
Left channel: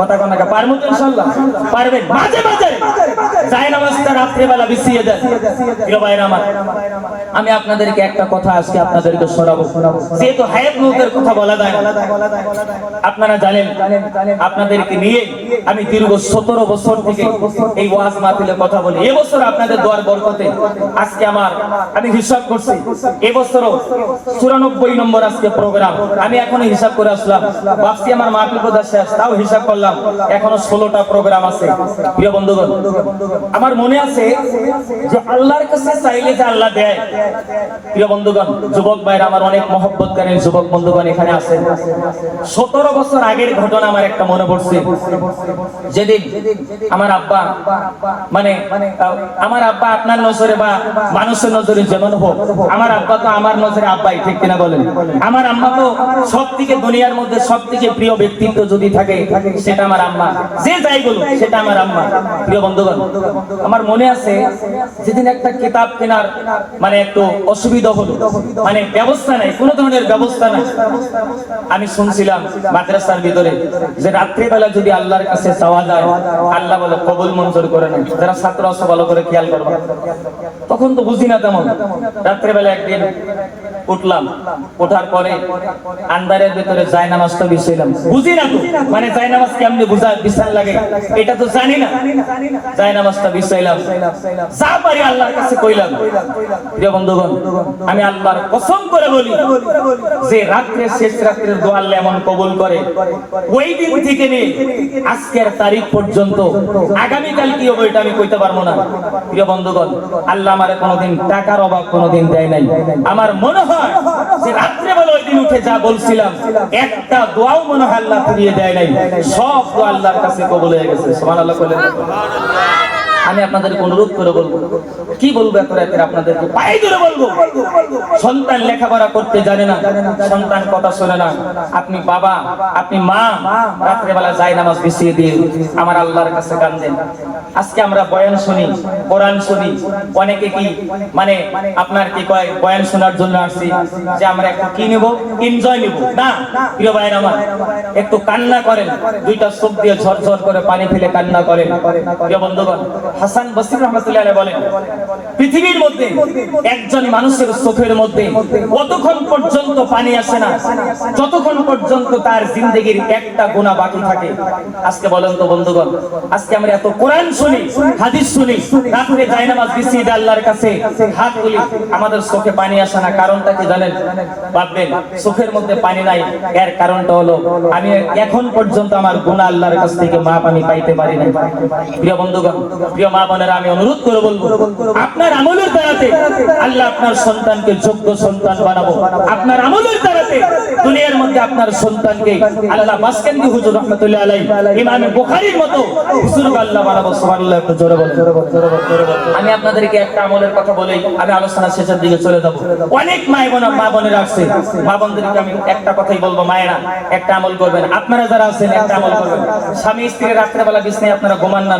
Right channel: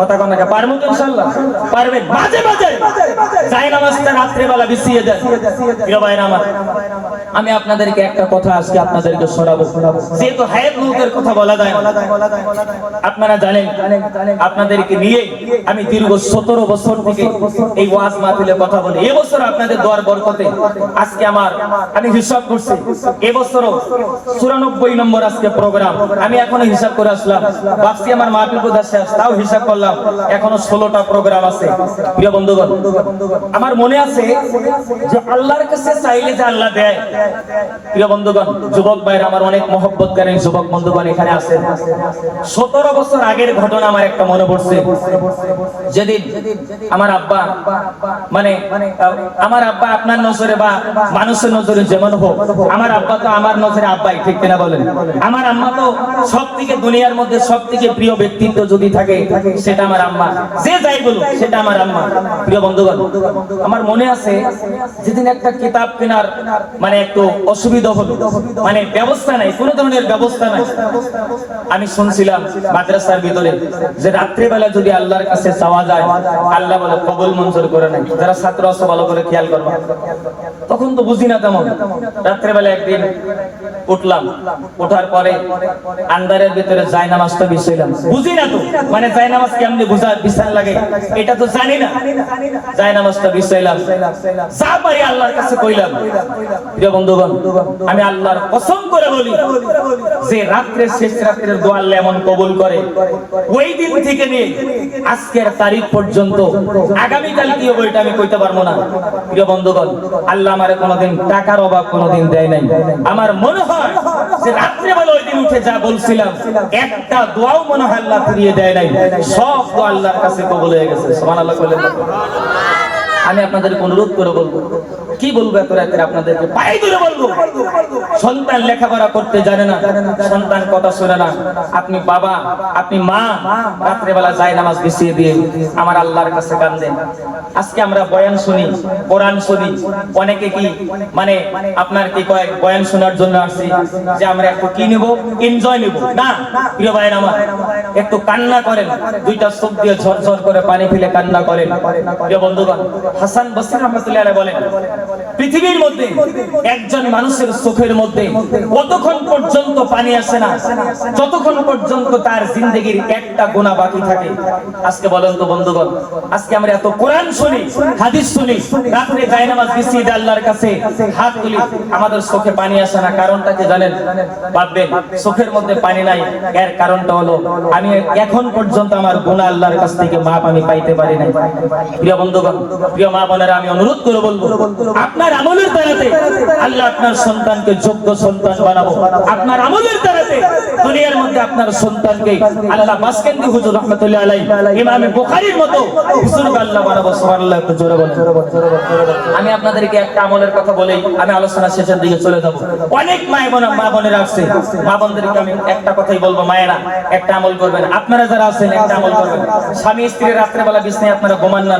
কথা কোন না, পারবো তো ইনশাআল্লাহ? পারবেন? মাঝে মাঝে জায়নামাজটা রাত্রে বেলা বিছিয়ে দেন। প্রিয় ভাইরা আমার, আমি আপনাদেরকে একটা কথা আজকে আপনাদেরকে শোনাবো, যেহেতু হায়াত মউতের কথা বলা যায়, আপনারা জানেন, আপনাদেরকে নিয়ে আমি দীর্ঘ 17 বছর থেকে এই ওয়াজ মাহফিলে কথা বলি। এবছর আপনাদের দোয়ার বরকতে আজকে আমি হিসাব করছি, এবছরও 94 নম্বর আজকে প্রোগ্রাম। আমি এখনো হিসাব করে আসলাম, ভাবছি আমার মাহফিল বোধহয় শেষ, তাও হিসাব করলাম এখনো 16টা প্রোগ্রাম আছে। প্রিয় বন্ধুগণ, আমার মনে আছে যে আল্লাহর কাছে চাইলে যে আল্লাহ দেয়। প্রিয় বন্ধুগণ, যুবক ভাইরা আমার, অনেক মহব্বত করেন যুবক বন্ধুগণ এখানে আছেন। 17 বছর আগের ঘটনা আমার একটা মনে পড়ছে। যেদিন আমার আব্বা আমার আব্বা আপনার নজরে বা মানুষের নজরে যেমন হোক, আমার আব্বা তো আমার নজরে আব্বাই, ঠিক কিনা বলেন? আমার আম্মা তো সব থেকে দুনিয়ার মধ্যে সবথেকে প্রিয় ব্যক্তিত্ব যদি থাকে সেটা আমার আম্মা। যে যাই বলুক সেটা আমার আম্মা। প্রিয় বন্ধুগণ, আমার মনে আছে যেদিন একটা কিতাব কেনার মানে একটু অসুবিধা হলো, মানে ব্যবস্থা নাই, কোনো ধরনের ব্যবস্থা নাই। আমি শুনছিলাম মাদ্রাসার ভিতরে যে রাত্রিবেলা যদি আল্লাহর কাছে চাওয়া যায় আল্লাহ বলে কবুল মঞ্জুর করে নেয়। যারা ছাত্র আছে ভালো করে খেয়াল করবো। তখন তো বুঝি না তেমন। রাত্রিবেলা একদিন উঠলাম, ওঠার পরে আন্দারের ভিতরে জায়নামাজটা বিছাইলাম। বুঝি না তো, মানে জায়নামাজ কেমনে বিছান লাগে এটা তো জানি না। জায়নামাজটা বিছাইলাম, যা পারি আল্লাহর কাছে কইলাম। প্রিয় বন্ধুগণ, আমি আল্লাহর কসম করে বলি যে রাত্রে শেষ রাত্রের দোয়া আল্লাহ এমন কবুল করে, ওই দিন থেকে নিয়ে আজকের তারিখ পর্যন্ত আগামীকাল কি হবে এটা আমি কইতে পারবো না। প্রিয় বন্ধুগণ, আল্লাহ আমারে কোনোদিন টাকার অভাব কোনোদিন দেয় নাই। আমার মনে হয় যে রাত্রেবেলা ওই দিন উঠে যা বলছিলাম একটা দোয়াও মনে হয় আল্লাহ ফিরিয়ে দেয় নাই। সব দোয়া আল্লাহর কাছে কবুল হয়ে গেছে। সুবহানাল্লাহ বলেন। আমি আপনাদেরকে অনুরোধ করে বলবো, কি বলবো এত রাতে আপনাদেরকে পায়ে ধরে বলবো, সন্তান লেখাপড়া করতে জানে না, সন্তান কথা শুনে না, আপনি বাবা আপনি মা রাত্রেবেলা জায়নামাজ বিছিয়ে দিয়ে আমার আল্লাহর কাছে কাঁদেন। আজকে আমরা বয়ান শুনি, কোরআন শুনি, অনেকে কি মানে আপনার কি কয় বয়ান শোনার জন্য আসছি যে আমরা একটু কি নিব, এনজয় নিব না। প্রিয় ভাইরা আমার, একটু কান্না করেন, দুইটা চোখ দিয়ে ঝরঝর করে পানি ফেলে কান্না করেন। প্রিয় বন্ধুগণ, হাসান বসরি রাহমাতুল্লাহ আলাইহি বলেন, পৃথিবীর মধ্যে একজন মানুষের চোখের মধ্যে কতক্ষণ পর্যন্ত পানি আসে না যতক্ষণ পর্যন্ত তার জিন্দেগীর একটা গুনাহ বাকি থাকে। আজকে বলেন তো বন্ধুগণ, আজকে আমরা এত কোরআন শুনি, হাদিস শুনি, রাতে জায়নামাজ বিছিয়ে দিয়ে আল্লাহর কাছে হাত তুলি, আমাদের চোখে পানি আসে না। কারণটা কি জানেন? ভাববেন চোখের মধ্যে পানি নাই, এর কারণটা হলো আমি এখন পর্যন্ত আমার গুনাহ আল্লাহর কাছ থেকে মাপ আমি পাইতে পারি না। প্রিয় বন্ধুগণ, প্রিয় মা বোনেরা, আমি অনুরোধ করে বলবো আপনার আমলের দ্বারাতে আল্লাহ আপনার সন্তানকে যোগ্য সন্তান বানাবো। আপনার আমলের দ্বারাতে দুনিয়ার মধ্যে আপনার সন্তানকে আল্লাহ বাসকান্দি হুজুর রাহমাতুল্লাহ আলাইহি, ইমাম বুখারীর মতো বুজুর্গ আল্লাহ বানাবো। সুবহানাল্লাহ, একটু জোরে বলেন। আমি আপনাদেরকে একটা আমলের কথা বলেই আমি আলোচনা শেষের দিকে চলে যাব। অনেক মা বোনেরা আছে, মা বোনদেরকে আমি একটা কথাই বলবো, মায়েরা একটা আমল করবেন। আপনারা যারা আছেন একটা আমল করবেন। স্বামী স্ত্রী রাত্রেবেলা বিছানায় আপনারা ঘুমান না,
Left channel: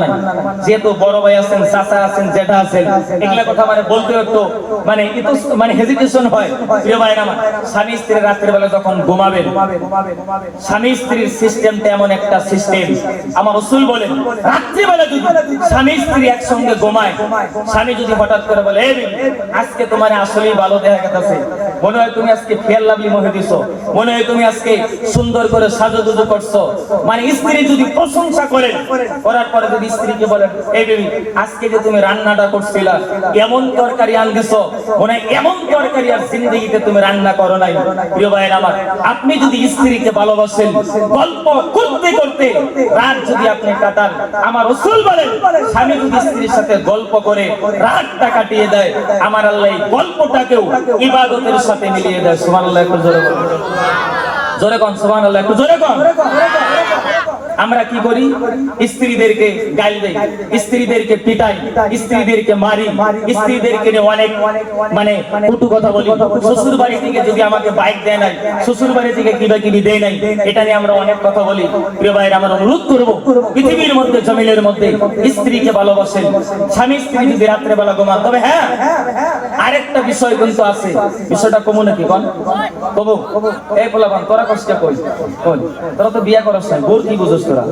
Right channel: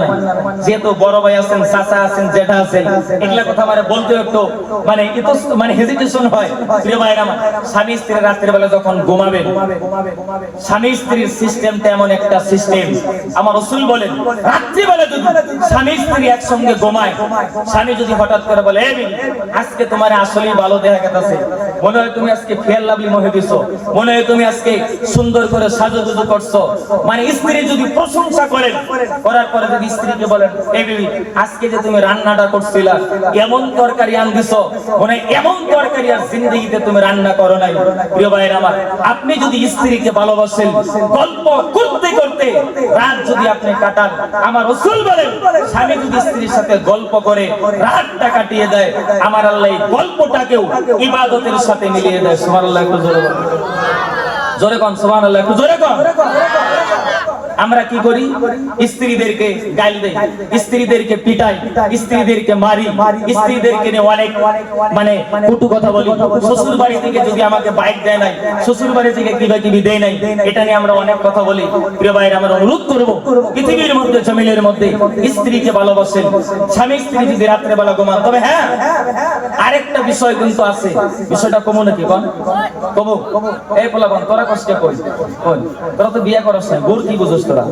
যেহেতু বড় ভাই আছেন, চাচা আছেন, জেঠা আছেন, এগুলা কথা মানে বলতে একটু মানে হেজিটেশন হয়। প্রিয় ভাইরা আমার, স্বামী স্ত্রী রাতের বেলা যখন ঘুমাবেন, স্বামী স্ত্রীর সিস্টেমটা এমন একটা সিস্টেম, আমার রাসূল বলেন রাত্রি বেলা যদি স্বামী স্ত্রী একসঙ্গে ঘুমায়, স্বামী যদি হঠাৎ করে বলে এই আজকে তোমার আসলেই ভালো দেখা গেছে, মনে হয় তুমি আজকে ফেয়ার লাভলি মহে দিছো, মনে হয় তুমি আজকে সুন্দর করে সাজুগুজু করছো, মানে স্ত্রী যদি প্রশংসা করেন, করার পরে যদি স্ত্রীকে বলেন এই বেবি আজকে যে তুমি রান্নাটা করছিলা, এমন তরকারি আন দিছো, মানে এমন তরকারি আর জিন্দেগিতে তুমি রান্না করো নাই। প্রিয় ভাইরা আমার, আপনি যদি স্ত্রীকে ভালোবাসেন, গল্প করতে করতে রাত যদি আপনি কাটান, আমার রাসূল বলেন স্বামী যদি স্ত্রীর সাথে গল্প করে রাতটা কাটিয়ে দেয়, আমার আল্লাহ এই গল্পটাকেও ইবাদতের সাথে মিলিয়ে দেয়। সুবহানাল্লাহ, একটু জোরে বলেন। জোরে কোন সুবহানাল্লাহ, একটু জোরে কোন। আমরা কি করি? স্ত্রীদেরকে গালি দেই, স্ত্রীদেরকে পিটাই, স্ত্রীদেরকে মারি, স্ত্রীদেরকে নিয়ে অনেক মানে কটু কথা বলি। শ্বশুর বাড়ি থেকে যদি আমাকে বাইক দেয় নাই, শ্বশুর বাড়ি থেকে কিবা দেয় নাই, এটা নিয়ে আমরা অনেক কথা বলি। প্রিয় ভাইরা, আমরা অনুরোধ করবো পৃথিবীর মধ্যে জমিনের মধ্যে স্ত্রীকে ভালোবাসেন। স্বামী স্ত্রী যদি রাত্রে বেলা ঘুমান, তবে হ্যাঁ আরেকটা বিষয় কিন্তু আছে, বিষয়টা কমু নাকি কোন কমু? এই পোলাপান তোরা কষ্ট কই কোন, তোরা তো বিয়ে করাস না, গোর কি বুঝোস তোরা?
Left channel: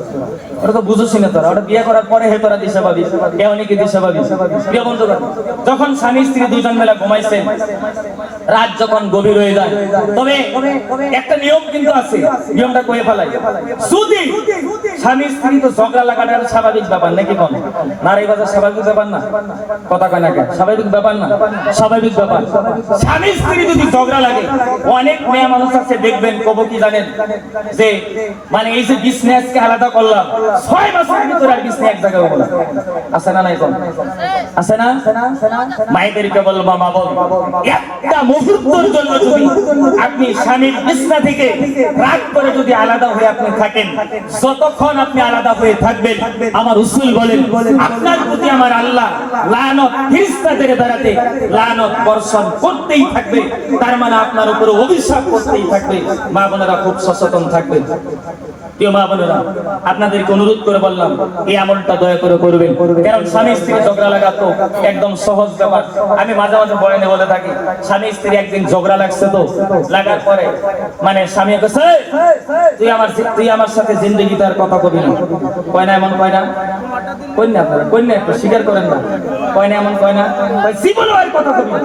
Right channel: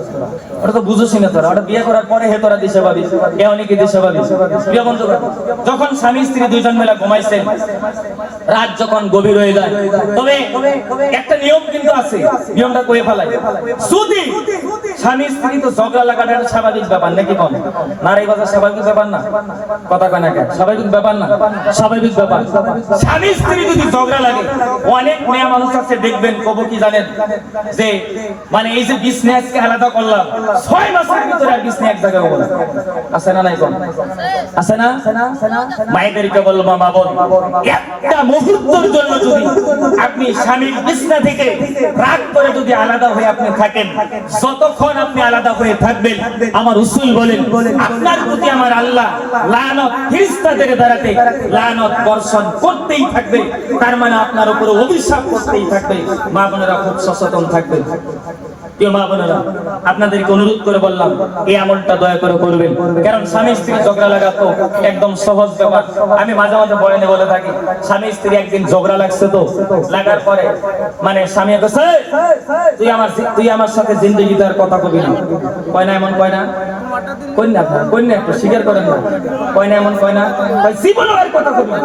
ওটা তো বুঝোসই না তোরা, ওটা বিয়ে করার পরে হে তোরা দিশা পাবি, কেউ নাকি দিশা পাবি। প্রিয় বন্ধুগণ, যখন স্বামী স্ত্রী দুজন মেলা ঘুমাইছে, রাত যখন গভীর হয়ে যায়, তবে একটা নিয়ম কিন্তু আছে, নিয়মটা কয়ে ফেলাই। যদি স্বামী স্ত্রী তো ঝগড়া লাগাটা স্বাভাবিক ব্যাপার নাকি কোন? নারী বাজার স্বাভাবিক ব্যাপার না? কথা কয় না কেন? স্বাভাবিক ব্যাপার না? স্বাভাবিক ব্যাপার। স্বামী স্ত্রী যদি ঝগড়া লাগে, অনেক মেয়ে মানুষ আছে দেখবেন, কব কি জানেন, যে মানে এই যে বিজনেসকে আলাদা করলাম 6 মাসের ভিতরে আর বিজনেস এক জায়গায় হবে না। আছে না নাই কোন? আছে না? মায়েদেরকে বলবো মা বোন, একটা মুহূর্তের জন্য যদি আপনি স্বামীর বিছনা থেকে রাগ করে যদি আলাদা হয়ে আপনি থাকেন, যতক্ষণ আপনি আলাদা হয়ে থাকবেন আমার রাসূল বলেন আপনার প্রতি আমার আল্লাহ লানত ফেরেশতাদের দ্বারাতে লানত বর্ষণ করতেই থাকবে। তার মানে আপনার উপরে অভিশাপ করতেই থাকবে। মা বোনেরা খুব সচেতন থাকবেন। প্রিয় মা বোনেরা, আপনাদেরকে অনুরোধ করে বললাম এই আমলটা দয়া করে করবেন। কারণ স্বামী স্ত্রী ঝগড়া লাগা তো একদম সহজ ব্যাপার। আমি মাঝে মাঝে বয়ানে বলে থাকি, স্বামী স্ত্রী একদিন ঝগড়া লাগছে, তো লাগার পরে মানে স্বামী কইছে তুই আমার সাথে জিন্দেগিতে আর কথা কবি না। কয় না এমন? কয় না? কই না আপনারা? কই না? একটু স্বীকার করেন না। কয় না এমন? কয় না? জীবনে আর কথা কবি না।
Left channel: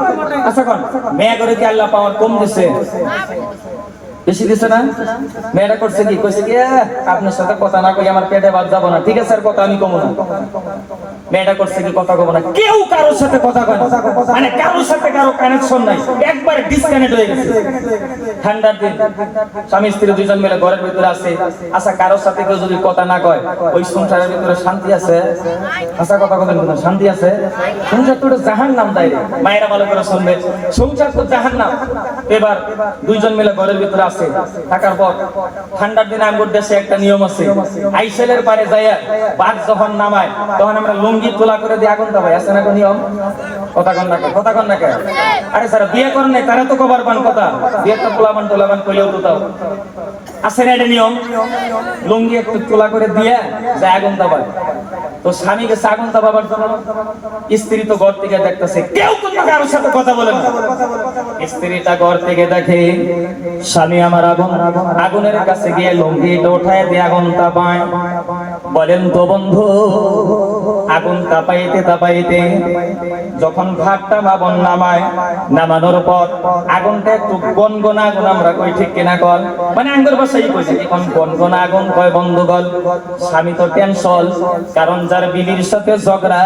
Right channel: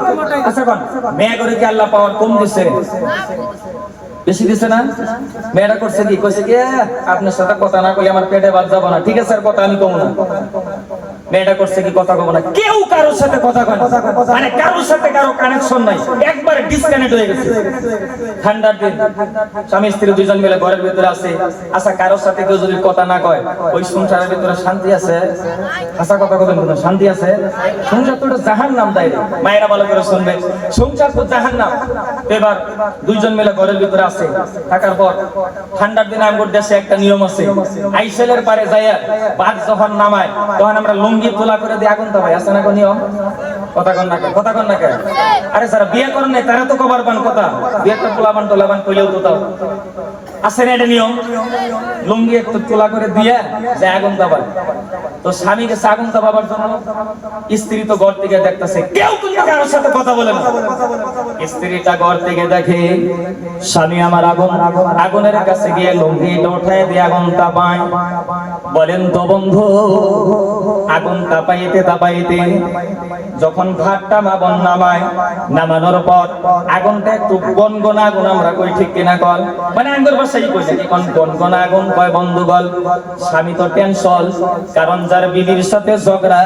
আচ্ছা কোন মেয়ে করে কি আল্লাহ পাওয়ার কম দিছে? বেশি দিছে না? মেয়েরা করছে কি? কইছে কি আপনার সাথে কথা না কই আমার পেটে ভাত যাবো না। ঠিক আছে, আর কথা আমি কমু না। মেয়েটা করছে কি? কথা কব না। কেউ কারোর সাথে কথা কয় না, মানে কারোর সাথে কারো কানেকশন নাই, একবারে ডিসকানেক্ট হয়ে গেছে। ঠান্ডার দিন স্বামী স্ত্রী দুইজন মিলে ঘরের ভিতরে আছে। আচ্ছা, কারোর সাথে কেউ যদি কথা না কয় ওই সংসারের ভিতরে শান্তি আছে? আচ্ছা কথা কবেন না, শান্তি আছে? সংসার তো জাহান্নাম দেয়। মায়েরা ভালো করে শুনবে, সংসার তো জাহান্নাম। এবার দুইজন মিলে ঘরের ভিতরে আছে, থাকার পর ঠান্ডার দিনে আমগো দেশে একটা নিয়ম আছে, আইসেলের পারে যাইয়া বাঘ যখন নামায় তখন আমরা লুঙ্গি তোলা করে দিয়ে আগুন দেওয়া। আছে না কোন নিয়ম? কথা কন না, কথা কন না। আরে যারা বিয়ে করেন নাই তারা তো কবার পান কথা, বিয়ে তো তোলাবান কইলেও তো তাও আছে না এটা নিয়ম? লুঙ্গি একটু তোলা করে দিয়ে যায় আগুন দেওয়া। তো স্বামী গেছে আগুন দেওয়ার জন্য, স্ত্রী তো ঘর থেকে দেখতেছে, কেউ কিন্তু কারোর সাথে কথা বলে না। স্ত্রীটা ঘর থেকে দেখে স্বামী আমার আগুনের কাছে গিয়ে লুঙ্গিটা উঠায় দিয়ে আগুন তাপায়। বলেন তো বন্ধু, আগুন তাপাইতে যখন ঘাটটা মাবন নামানোর পর আগুনটা একটু গনগনা আগুন আমরা কই, ঠিক কিনা কল? মানে আঙ্গুর ভাষাই কই নাকি কোন গনগনা আগুন কয় বন্ধুগণ। স্বামী তো টেনশন, কারণ যার বিবির সাথে ঝগড়া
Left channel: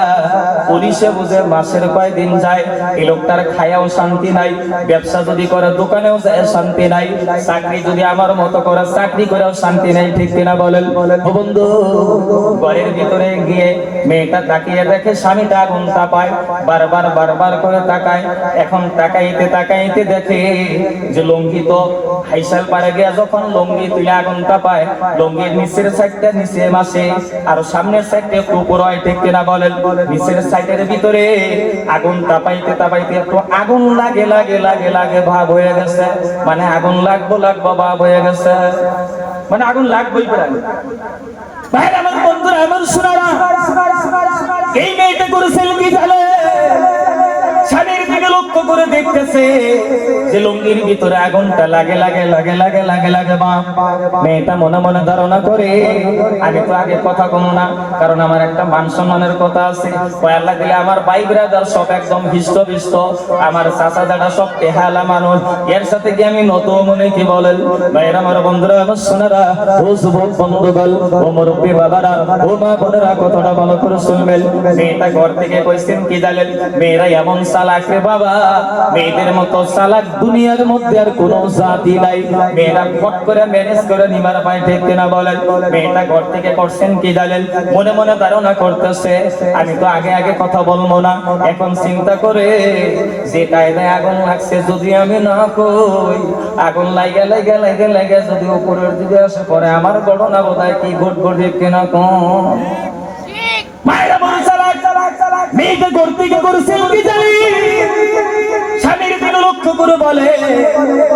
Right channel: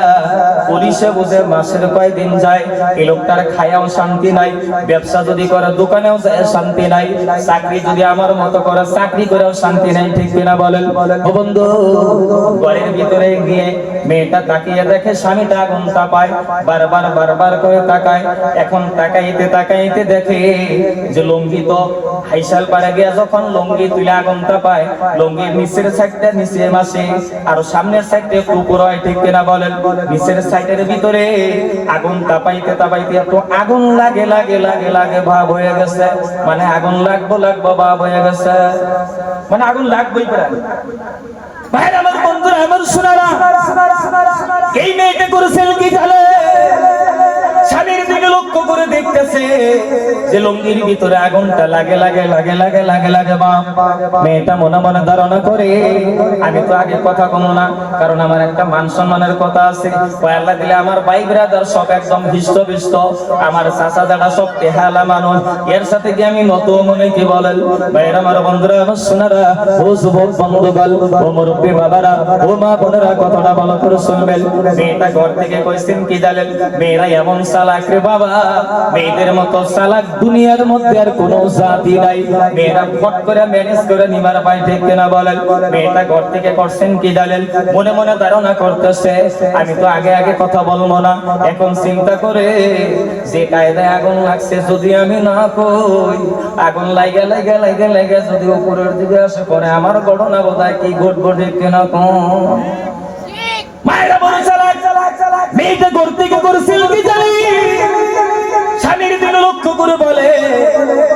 পুলিশে বুঝে মাসের কয়দিন যায়, এই লোকটার খায়াও শান্তি নাই, ব্যবসা যদি করে দোকানেও যায় শান্তি নাই, চাকরি যদি আমার মতো করে চাকরি করেও শান্তি নাই, ঠিক কিনা বলেন? ও বন্ধু, ঘরের ভিতরে গিয়ে মেয়েটা তাকিয়ে দেখে স্বামীটা আগুন তাপায়, বারবার করে তাকায়। এখন তাকাইতে দেখে যে লুঙ্গি তো হাইসাল পারে গিয়া যখন লুঙ্গি তুলে আগুন তাপায়, লুঙ্গির নিচের সাইডটা নিচে মাসে আর সামনের সাইডটা একটু উপর হয়, ঠিক কিনা বলেন? নিচের সাইডের ভিতরে আগুন তাপাইতে একটু আগুন লাগে ভাব হয়ে গেছে, মানে আগুন লাগবো ভাব হয়ে গেছে, মানে আগুন লাগবেই প্রায়। ভাই আমার বন্ধুরা, আমার শোনারা, এই মেয়েটা করেছিল কি জানে? স্বামীর দিকে লক্ষ্য করে দেখতেছে যে লুঙ্গির ভিতরে আগুনটা লাগে। মেয়েটা মনে মনে ধারণা করে আমি তো আগে কথা কমো না, কারণ আমার একটা মান সম্মানের কথা আছে। আল্লাহ দিলে আমার ভাই ব্রাদার সব একদম হিষ্ট আমার চাচা দাদা সব তেহালা মানুষ, এর সাথে কি আমি নত মনে কি বলেন? ভাইয়ের আমার বন্ধুরা, আমার সোনারা, ও যুবক বন্ধুগণ, ও মুরব্বী বাবারা, ও মা বোনেরা, কথাটা ভালো করে শুনবেন। মেয়েটা ঘর থেকে কইছেন কি জানেন? মেয়েরা এমন চালাক রে বাবা, মেয়েদের মতো চালাক দুনিয়ার মধ্যে আর কোনো জাতি নাই। মেয়েরা ফট করে ম্যানেজ করে নিবার পায়, ঠিক কিনা বলেন? মেয়েটা ঘর থেকে করছেন কি জানেন? মনে মনে ধারণা করতেছে আমি তো আগে কথা বলবো না, এখন চিন্তা করে যে কায়দায় আগুন লাগছে যদি আমি না কই, আগুন লাগে যদি উপরের দিকে আসে পরে আমার ঘটনা বোধহয় কি ঘটবো, ঠিক কিনা কম? মায়েরা বলে চালাক, মেয়েটা ঘর থেকে করেছিল কি জানি? স্বামীর দিকে লক্ষ্য করে বলে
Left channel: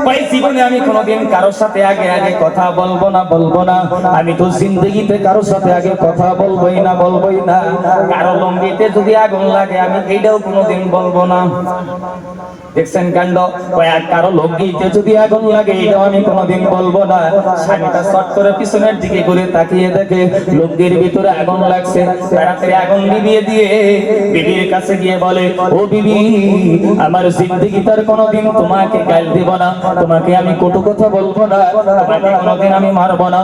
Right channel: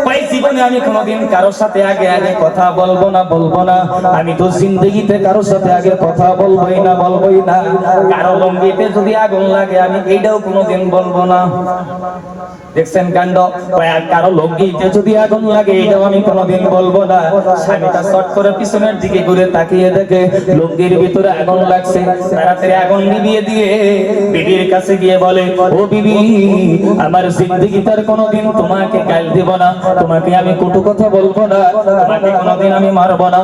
ভাই জীবনে আমি কোনোদিন কারোর সাথে আগে কথা বলবো না। আমি তো জিন্দগিতে কারোর সাথে আগে কথা বলবোই না। কারো লঙ্গিতে যদি আগুন লাগে আমি এইটাও কোনোদিন বলবো না। দেখছেন কাণ্ড? কারো লঙ্গিতে যদি আগুন লাগে এটাও আমি কোনোদিন বলবো না। স্বামীটা চট করে পিছনের দিকে ঘুরে তাকিয়ে দেখে লঙ্গির ভিতরে আগুন লাগছে, তাড়াতাড়ি আগুন নিভিয়ে দিয়ে বিবির কাছে গিয়ে বলে, ও বিবি, আমার জিন্দগিতে কোনোদিন তোমাকে গাল দিব না, তোমাকে আমি কটু কথা বলবো না, তোমাকে কোনোদিন আমি মারবো না।